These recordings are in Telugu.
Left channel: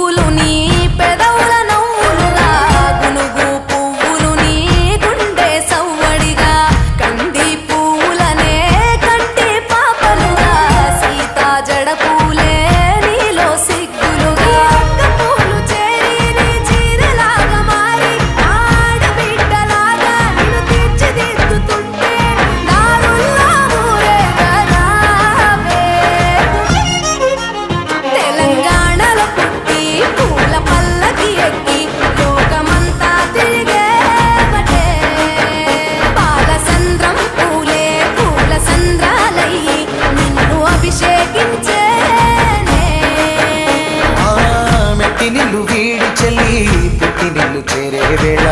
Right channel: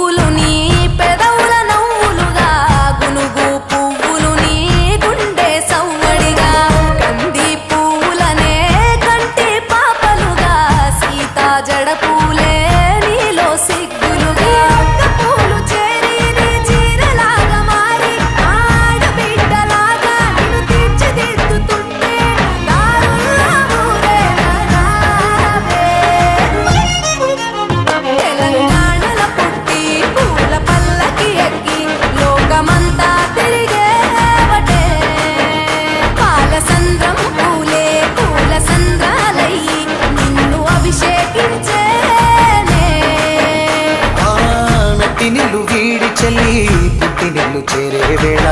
పువ్వులు నీ పెదవుల నవ్వులుగా గునుగు పువ్వులు నీ గుండె సవ్వడిగా కంది పువ్వులనే కంటి పాపలుగా సీతా జడ పూలే నీలో సిగ్గులుగా ఒక్క పూలు చేరి నీ చీరలాగా మారి ఆడబిడ్డలాగా నిన్ను తీర్చిదిద్దుతుంటే నాలుల్లా ఊరేగరావే. తెలంగాణలో పుట్టి పూల పల్లకి ఎక్కి లోకమంతా తిరిగేవటే పాలసంద్రం పూలే పూల సంద్రాలయ్యి నిన్ను అభిషేకించేనే. మెట్టి నిల్లు వీడి చెల్లి పుట్టి నిల్లు చేరే వేళ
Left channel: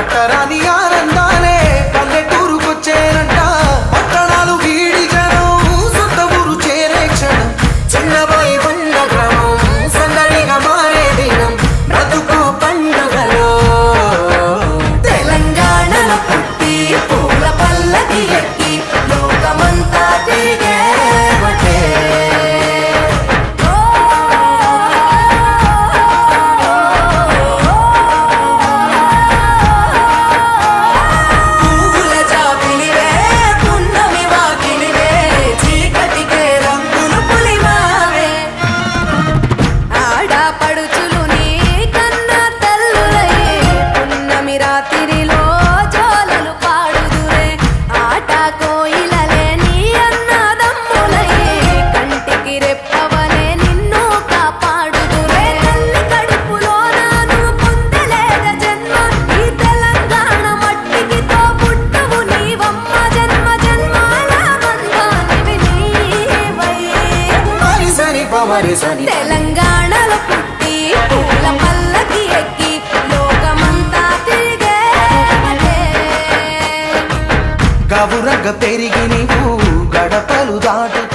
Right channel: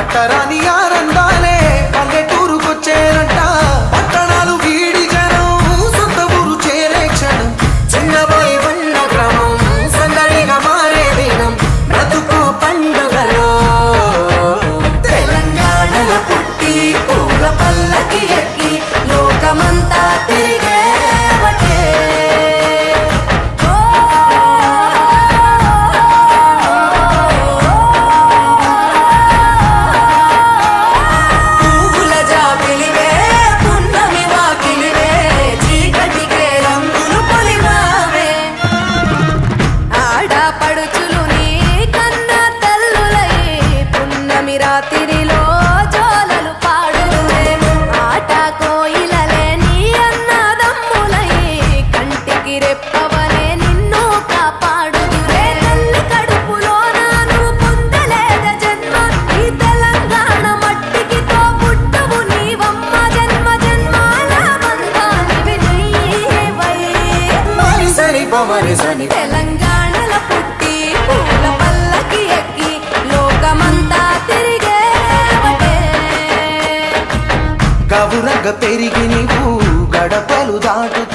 అట్టరాని ఆనందాలే పల్లెటూరుకొచ్చేనంట. పట్టణాలు వీడి జనం సొంత ఊరు చేరే క్షణం చిన్నబోయి ఉన్న గ్రామం సందడిగా మారే దినం బ్రతుకు పండుగలో. తెలంగాణలో పుట్టి పూల పల్లకి ఎక్కి లోకమంతా తిరిగేవటే. ఓ పువ్వుల జాబిలివే పున్నమి వాకిలివే చీకటికే రంగులు పొలిమావే. ఆడపడుచులు నీ కన్న తల్లులయ్యే పున్నమి రాత్రిలో జోలలు పాడుదురే ఆట కోయిలలే నీ అన్నదమ్ములయ్యే కంటికి రెప్పవలే నిన్ను కాపాడుదురే. తల్లి కడుపులో నువ్వు పొందలేద జన్మ ఈ తెలంగాణ మట్టికి తో పుట్టవు నీవమ్మ జన్మ జన్మాల బంధానివి నీవై. మరిసని పమరిసని తెలంగాణలో పుట్టి పూల పల్లకి ఎక్కి లోకమంతా తిరిగేవటే. గవురగ పెరిగి నీవు గడపలు దాటుతూ